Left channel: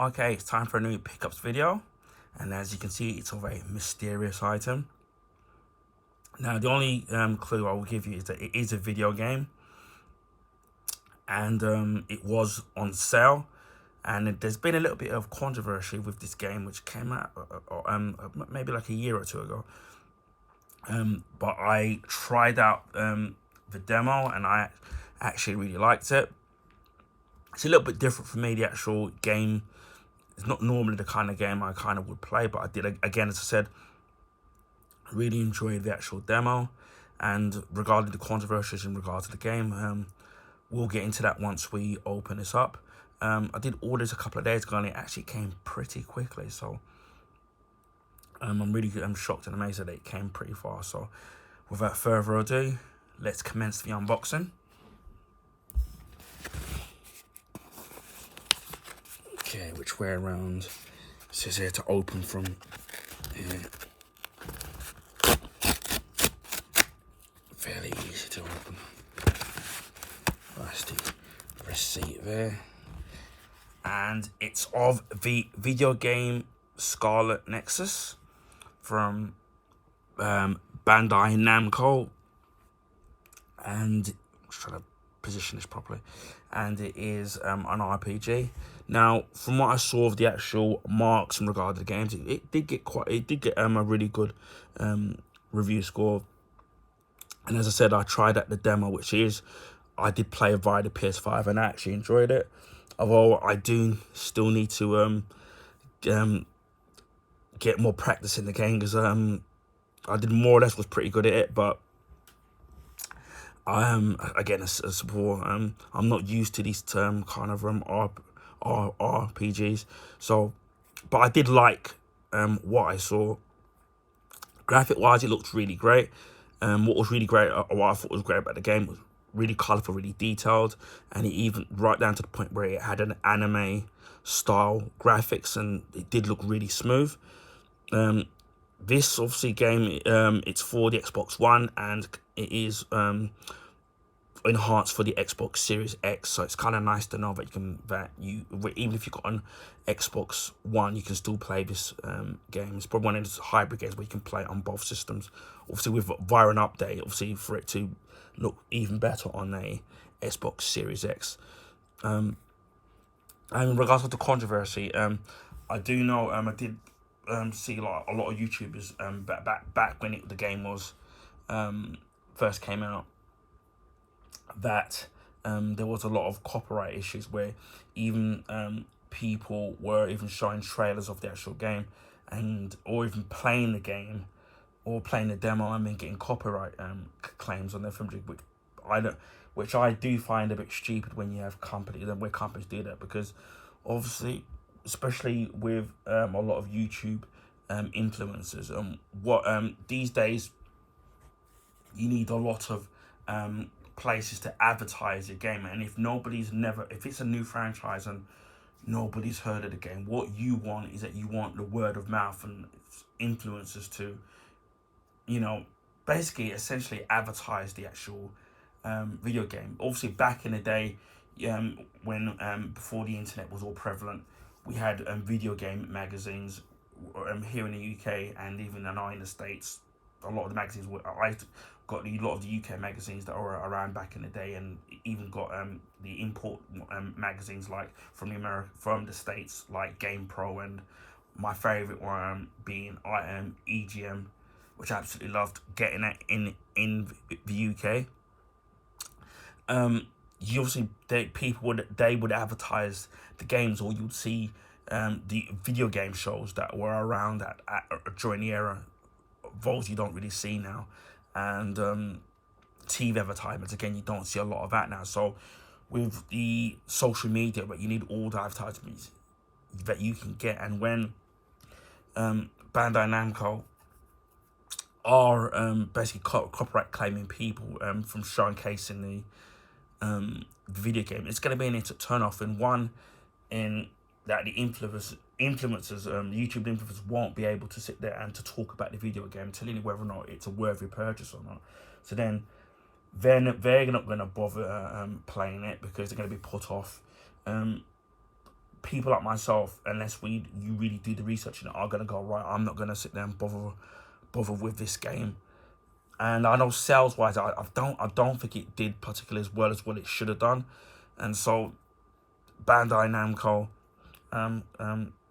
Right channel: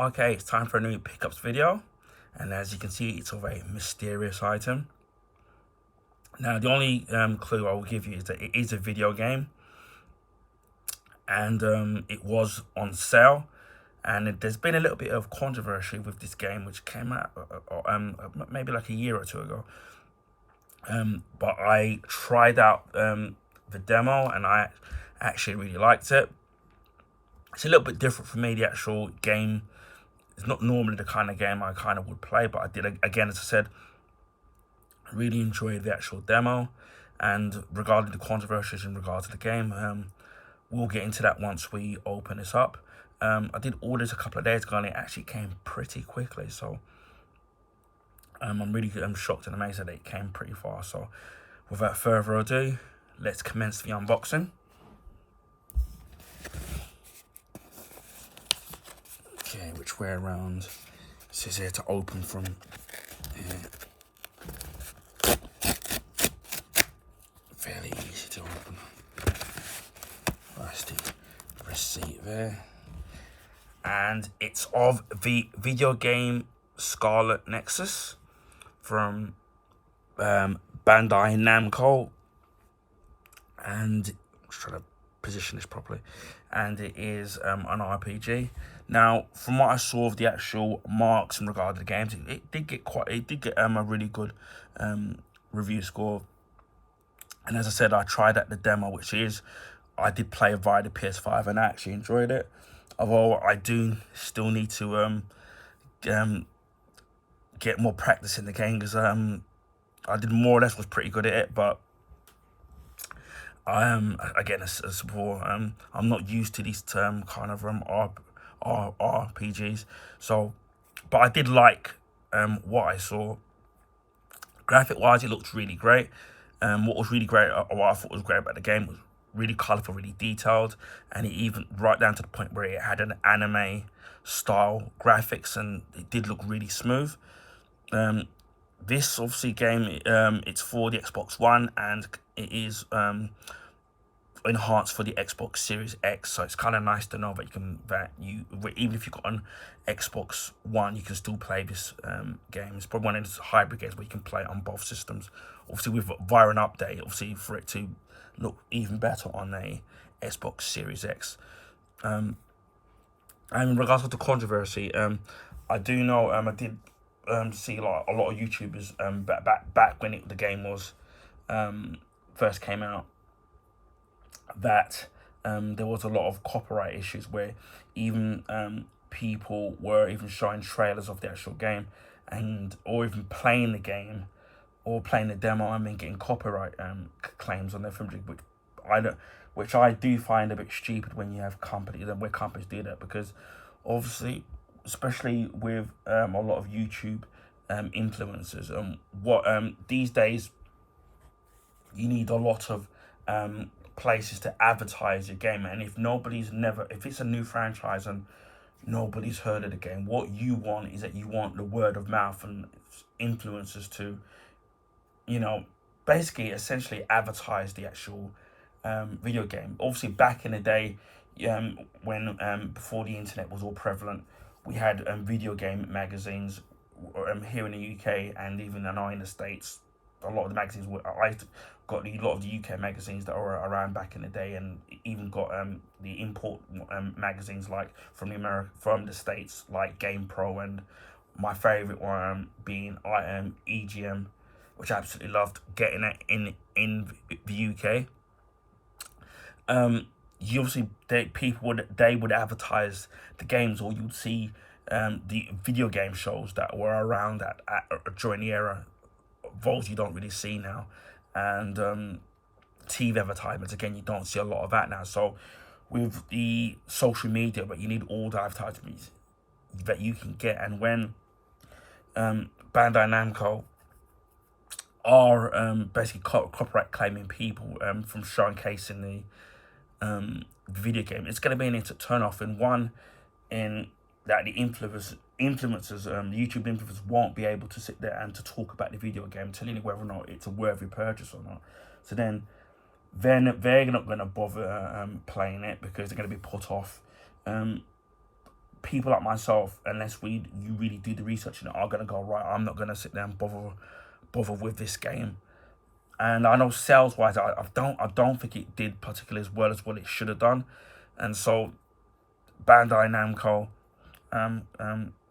Okay, it's time for a new pickups video, and as you can see, it's of a mysterious item. Now, the only clue I will give you is that it is a video game, and it was on sale. And there's been a little bit of controversy with this game, which came out maybe like a year or two ago. But I tried out the demo, and I actually really liked it. It's a little bit different for me. The actual game is not normally the kind of game I kind of would play, but I did, again, as I said, really enjoyed the actual demo. And regarding the controversies in regards to the game, we'll get into that once we open this up. I did order this a couple of days ago, and it actually came pretty quickly. So I'm shocked and amazed that it came pretty fast. So without further ado, let's commence the unboxing. Okay, which way around? It says here to open from here. Fairly easy to open. That's the receipt there. And it's of the video game Scarlet Nexus from Bandai Namco. And I'm just trying to position this properly. And it is an RPG. Now, from what I saw of the actual marks in regard to the games, it did get a really good review score. And as I said, I tried out the demo, I did play via the PS5, and I actually enjoyed it. Although I do still need to get more practice in the game, because I did more or less was pretty good at it, but I am, again, as before, I'm not used to these kind of RPGs. So, but I did like what I saw. Graphic wise, it looked really great. What was really great, or what I thought was great about the game, was really colourful, really detailed, and it even right down to the point where it had an anime style graphics, and it did look really smooth. This obviously game, it's for the Xbox One, and it is enhanced for the Xbox Series X. So it's kind of nice to know that even if you've got an Xbox One, you can still play this game. It's probably one of those hybrid games where you can play it on both systems. Obviously, via an update, obviously for it to look even better on a Xbox Series X. And in regards to the controversy, I do know I did see like a lot of YouTubers back when the game was first came out, that there was a lot of copyright issues where even people were even showing trailers of the actual game, or even playing the game or playing the demo and then getting copyright claims on their film, which I do find a bit stupid when you have companies do that, because obviously, especially with a lot of YouTube influencers, these days you need a lot of places to advertise your game. And if it's a new franchise and nobody's heard of the game, what you want is that you want the word of mouth and influencers to, basically essentially advertise the actual video game. Obviously, back in the day, when before the internet was all prevalent, we had video game magazines here in the UK, and even now in the States. A lot of the magazines I got a lot of the UK magazines that were around back in the day, and even got the import magazines like from the States, like Game Pro, and my favorite one being EGM, which I absolutely loved getting it in the UK. People would advertise the games, or you'd see the video game shows that were around during the era. Those you don't really see now, and TV advertisements, again, you don't see a lot of that now. So with the social media, but you need all the advertisements that you can get. And when Bandai Namco are basically copyright claiming people from showcasing the video game, it's going to be an instant turn off. In that the influencers, the YouTube influencers, won't be able to sit there and to talk about the video game, telling you whether or not it's a worthy purchase or not. So then they're not going to bother playing it, because they're going to be put off. people like myself, unless you really do the research, are gonna go, right, I'm not gonna sit there and bother with this game. And I know sales wise, I don't think it did particularly as well as what it should have done. And so Bandai Namco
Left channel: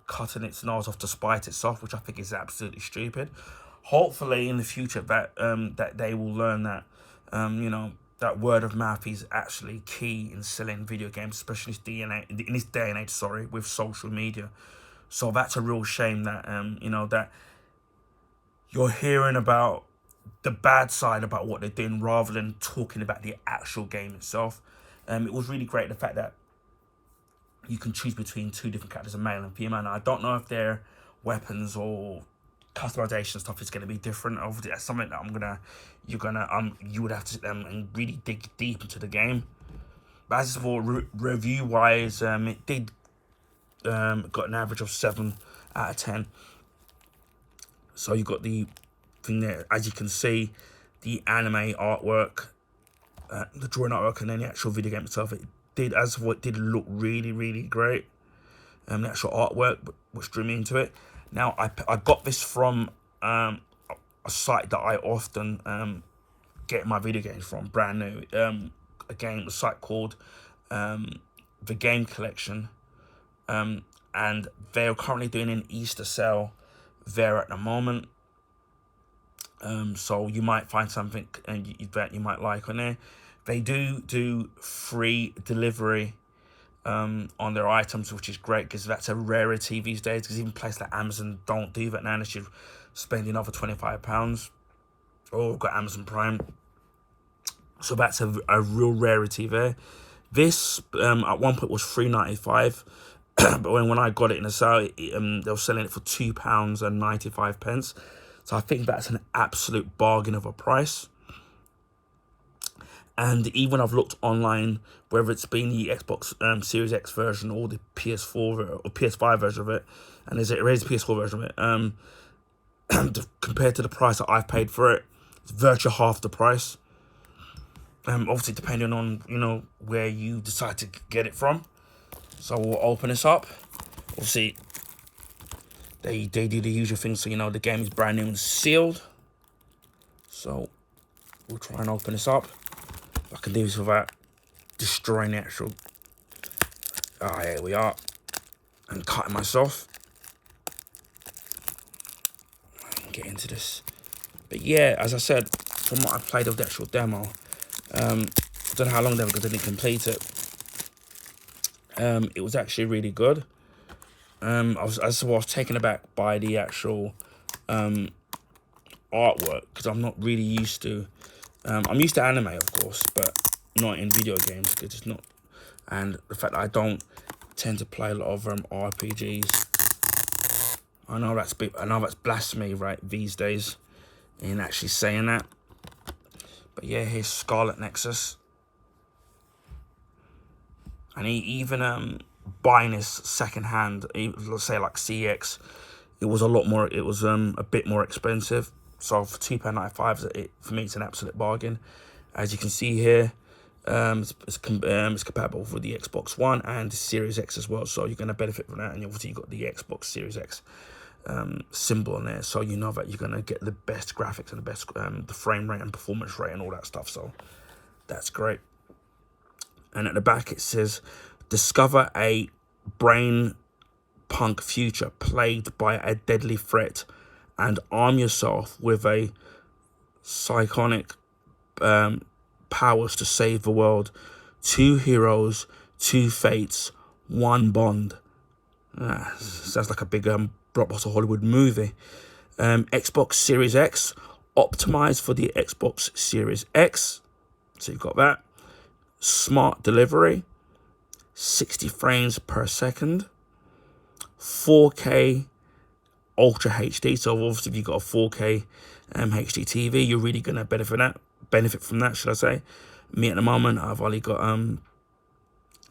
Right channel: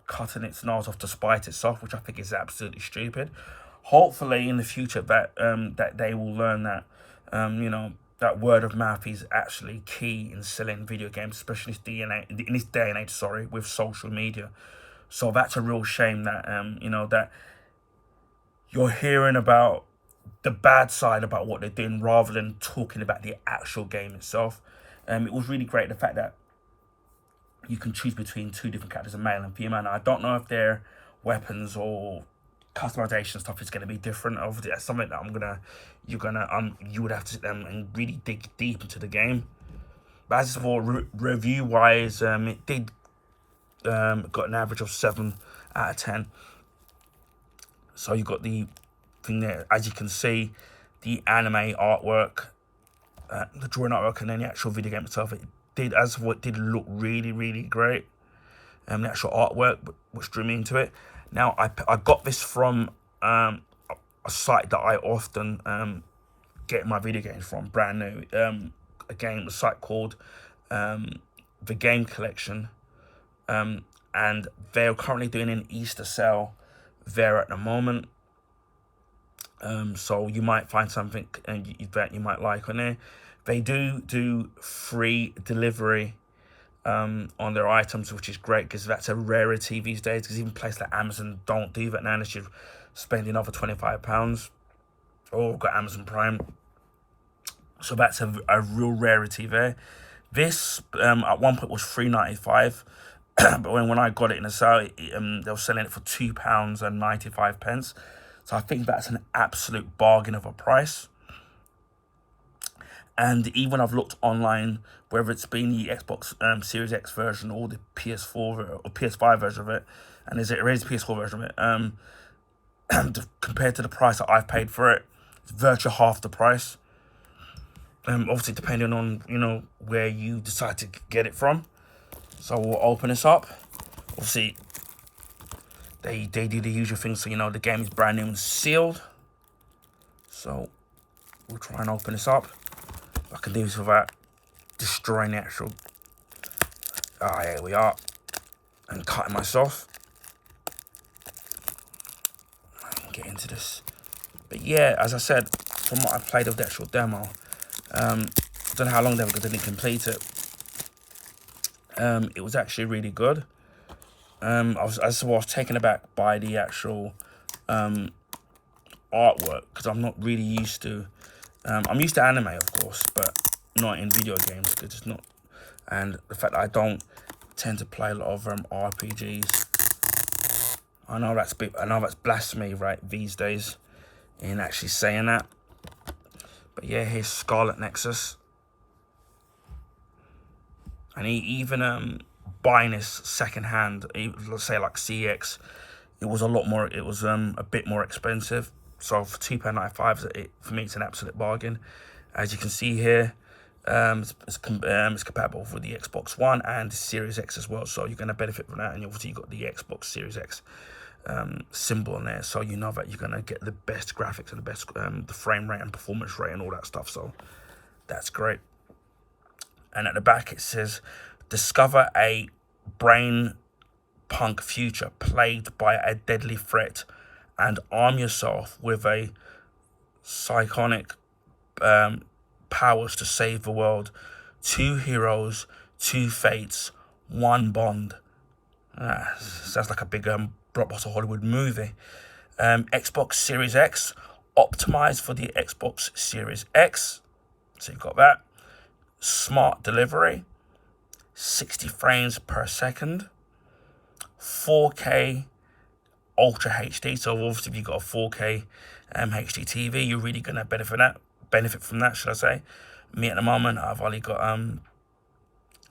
cutting its nose off to spite itself, which I think is absolutely stupid. Hopefully in the future that that they will learn that that word of mouth is actually key in selling video games, especially in this day and age, sorry, with social media. So that's a real shame that that you're hearing about the bad side about what they're doing rather than talking about the actual game itself. It was really great, the fact that you can choose between two different characters, a male and female. And I don't know if their weapons or customization stuff is going to be different. Obviously, that's something that you would have to sit down and really dig deep into the game. But as for review wise, it did got an average of 7 out of 10. So you got the thing there, as you can see, the anime artwork, the drawing artwork, and then the actual video game itself. It did look really, really great. The actual artwork, which drew me into it. Now, I got this from a site that I often get my video games from, brand new. Again, a site called The Game Collection. And they're currently doing an Easter sale there at the moment. So you might find something that you might like on there. They do free delivery on their items, which is great because that's a rarity these days, because even places like Amazon don't do that now unless you're spending over £25 or got Amazon Prime. So that's a real rarity there. This at one point was £3.95, but when I got it in the sale, they were selling it for £2.95. So I think that's an absolute bargain of a price. And even I've looked online, whether it's been the Xbox Series X version or the PS4 or PS5 version of it, and there is a PS4 version of it, compared to the price that I've paid for it, it's virtually half the price. Obviously, depending on where you decide to get it from. So we'll open this up. Obviously, they do the usual thing, so the game is brand new and sealed. So we'll try and open this up. I can do this without destroying the actual. Here we are, and cutting myself. Get into this, but yeah, as I said, from what I played of the actual demo, I don't know how long they were because I didn't complete it. It was actually really good. I was taken aback by the actual artwork, because I'm not really used to. I'm used to anime, of course, but not in video games. It's just not, and the fact that I don't tend to play a lot of RPGs. I know that's blasphemy, right, these days, in actually saying that. But yeah, here's Scarlet Nexus. And even buying this secondhand, let's say like CX, it was a bit more expensive. So for £2.95, for me, it's an absolute bargain. As you can see here, it's compatible with the Xbox One and the Series X as well. So you're going to benefit from that. And obviously, you've got the Xbox Series X symbol on there. So you know that you're going to get the best graphics and the best the frame rate and performance rate and all that stuff. So that's great. And at the back, it says, discover a brain punk future plagued by a deadly threat, and arm yourself with a psychonic powers to save the world. 2 heroes, 2 fates, 1 bond. Sounds like a big blockbuster Hollywood movie. Xbox Series X, optimized for the Xbox Series X. So you've got that. Smart delivery, 60 frames per second, 4K Ultra HD. So obviously, if you've got a 4K HD TV, you're really gonna benefit from that, should I say? Me at the moment, I've only got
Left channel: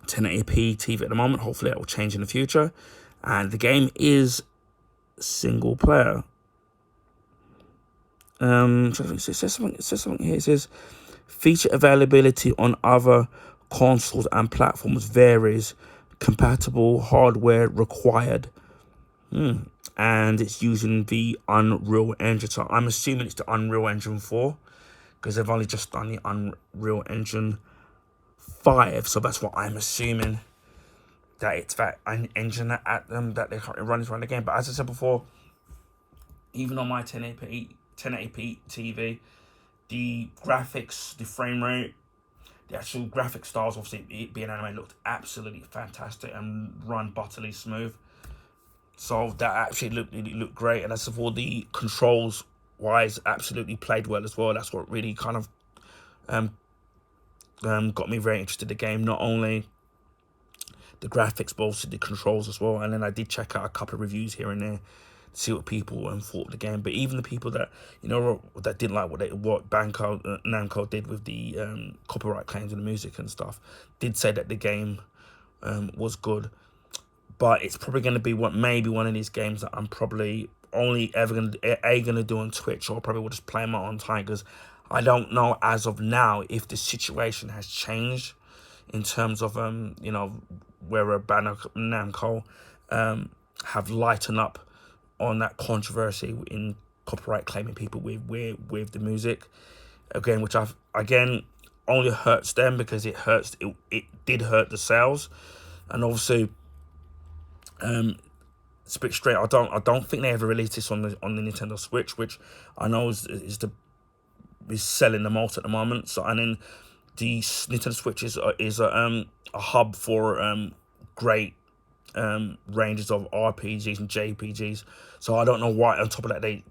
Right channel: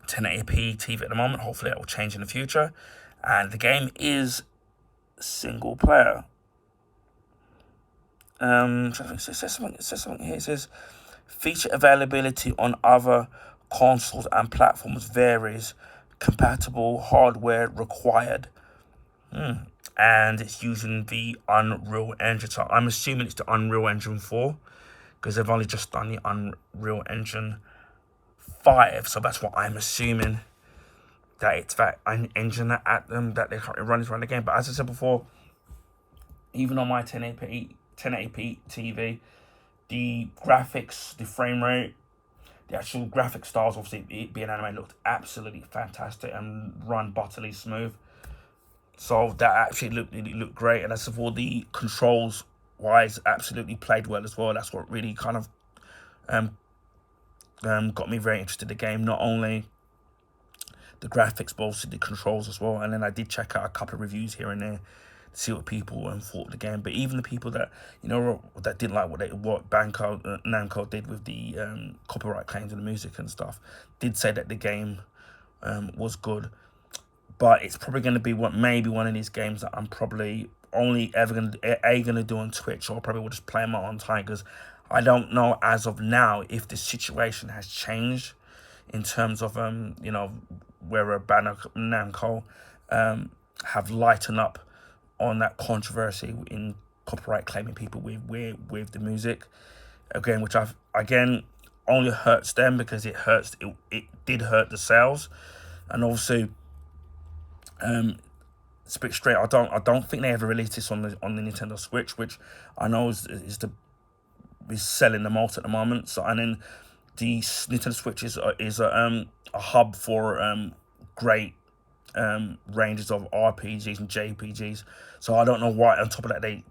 1080p TV at the moment. Hopefully, that will change in the future. And the game is single player. So it says something here. It says feature availability on other consoles and platforms varies compatible hardware required. And it's using the Unreal Engine. So I'm assuming it's the Unreal Engine 4, because they've only just done the Unreal Engine 5. So that's what I'm assuming, that it's that engine that they're currently running around the game. But as I said before, even on my 1080p TV, the graphics, the frame rate, the actual graphic styles, obviously it being anime, looked absolutely fantastic and run butterly smooth. So that actually looked great. And as for the controls wise, absolutely played well as well. That's what really kind of got me very interested in the game. Not only the graphics, but also the controls as well. And then I did check out a couple of reviews here and there to see what people thought of the game. But even the people that, you know, that didn't like what Namco did with the copyright claims and the music and stuff, did say that the game was good. But it's probably going to be maybe one of these games that I'm probably only ever going to do on Twitch, or probably will just play my own time, because I don't know as of now if the situation has changed in terms of you know, where Namco have lightened up on that controversy in copyright claiming people with the music again, which only hurts them, because it did hurt the sales. And obviously, it's a bit straight. I don't think they ever released this on the Nintendo Switch, which I know is selling the most at the moment. So, and then the Nintendo Switch is a hub for great ranges of RPGs and JPGs. So I don't know why on top of that they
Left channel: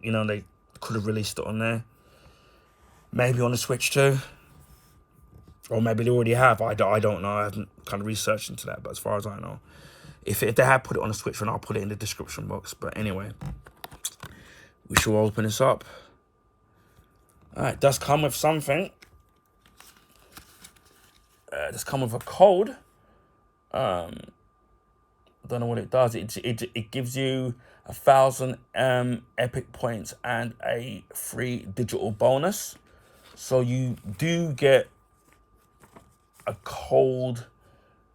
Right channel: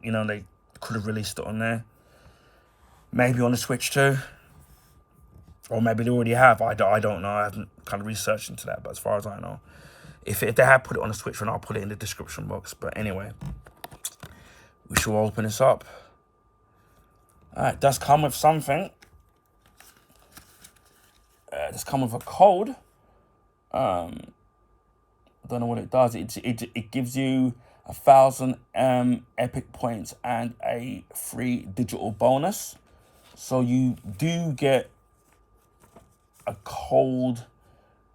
could have released it on there. Maybe on the Switch too, or maybe they already have. I don't know. I haven't kind of researched into that, but as far as I know, if they had put it on the Switch, then I'll put it in the description box. But anyway, we shall open this up. Alright, it does come with something. It does come with a code. I don't know what it does. It gives you 1,000 epic points and a free digital bonus. So you do get a code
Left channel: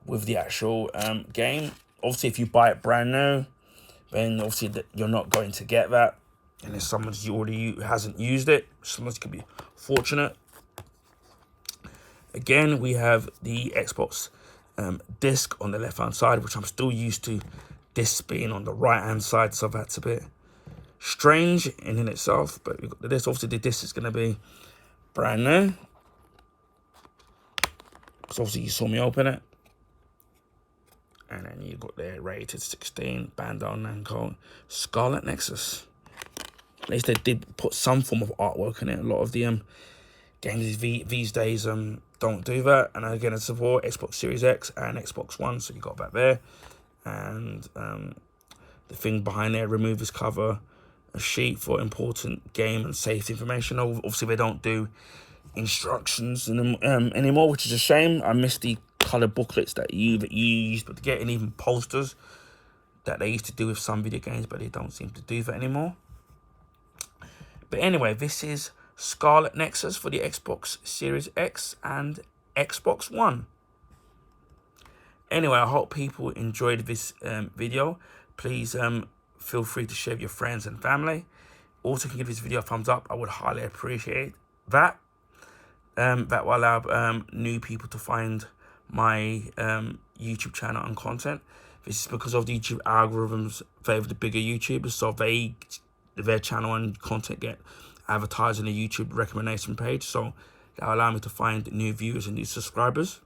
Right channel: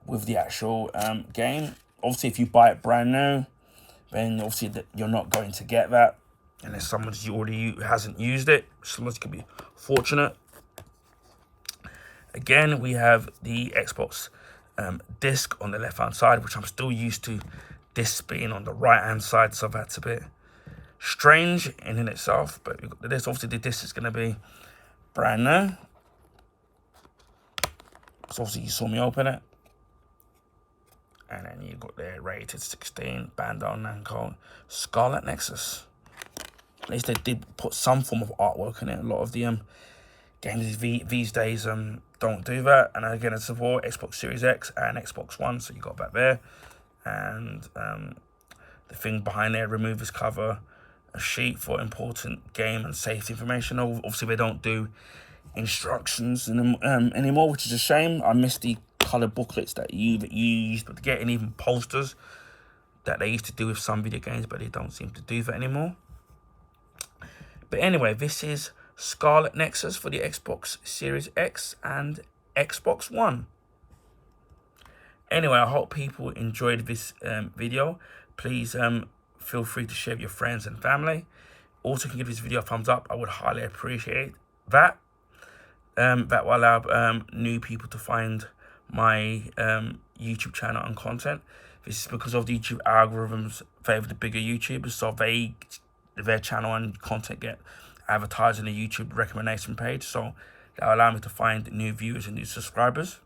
with the actual game. Obviously, if you buy it brand new, then obviously you're not going to get that unless someone already hasn't used it. Someone could be fortunate. Again, we have the Xbox disc on the left hand side, which I'm still used to this being on the right hand side, so that's a bit strange in itself. But we've got this. Obviously, the disc is going to be brand new. So obviously, you saw me open it. And then you got there, rated 16, Bandai Namco, Scarlet Nexus. At least they did put some form of artwork in it. A lot of the games these days don't do that. And again, it's for Xbox Series X and Xbox One, so you got that there. And the thing behind there, remove this cover, a sheet for important game and safety information. Obviously, they don't do instructions anymore, which is a shame. I miss the colored booklets that you used to get, and even posters that they used to do with some video games, but they don't seem to do that anymore. But anyway, this is Scarlet Nexus for the Xbox Series X and Xbox One. Anyway, I hope people enjoyed this video. Please feel free to share with your friends and family. Also, can give this video a thumbs up. I would highly appreciate that. That will allow new people to find my YouTube channel and content. This is because of the YouTube algorithms favor the bigger YouTubers, so their channel and content get advertised in the YouTube recommendation page. So that will allow me to find new viewers and new subscribers.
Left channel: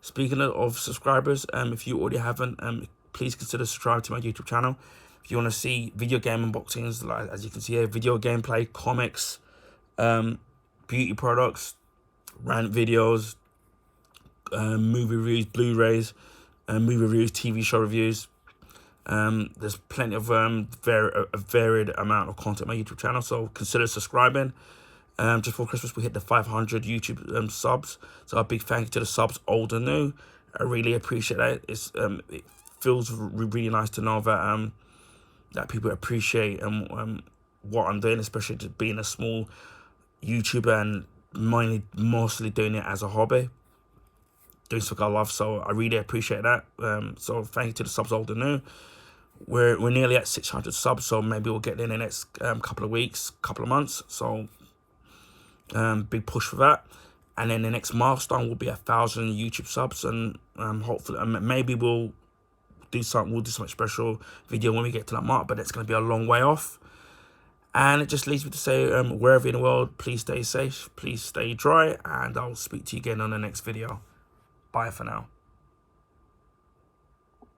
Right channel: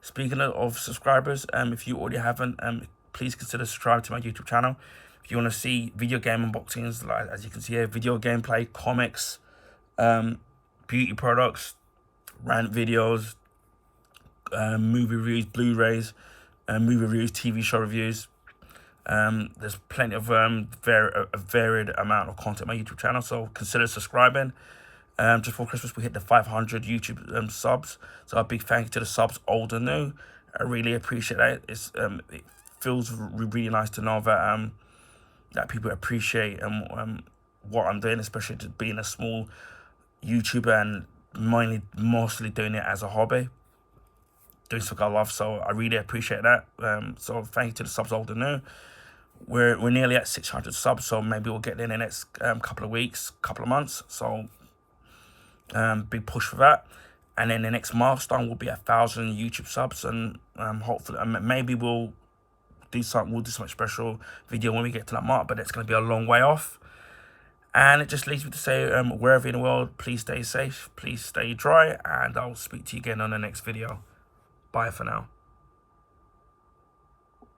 Speaking of subscribers, if you already haven't, please consider subscribing to my YouTube channel. If you want to see video game unboxings, like as you can see here, video gameplay, comics, beauty products, rant videos, movie reviews, Blu-rays, movie reviews, TV show reviews. There's plenty of a varied amount of content on my YouTube channel, so consider subscribing. Just before Christmas, we hit the 500 YouTube subs, so a big thank you to the subs, old and new. I really appreciate that. It feels really nice to know that that people appreciate what I'm doing, especially just being a small YouTuber and mostly doing it as a hobby. doing something I love. So I really appreciate that. So thank you to the subs old and new. We're nearly at 600 subs, so maybe we'll get there in the next couple of weeks, couple of months. So big push for that. And then the next milestone will be 1,000 YouTube subs, and hopefully maybe we'll do something special video when we get to that mark, but it's going to be a long way off. And it just leaves me to say, wherever in the world, please stay safe, please stay dry, and I'll speak to you again on the next video. Bye for now.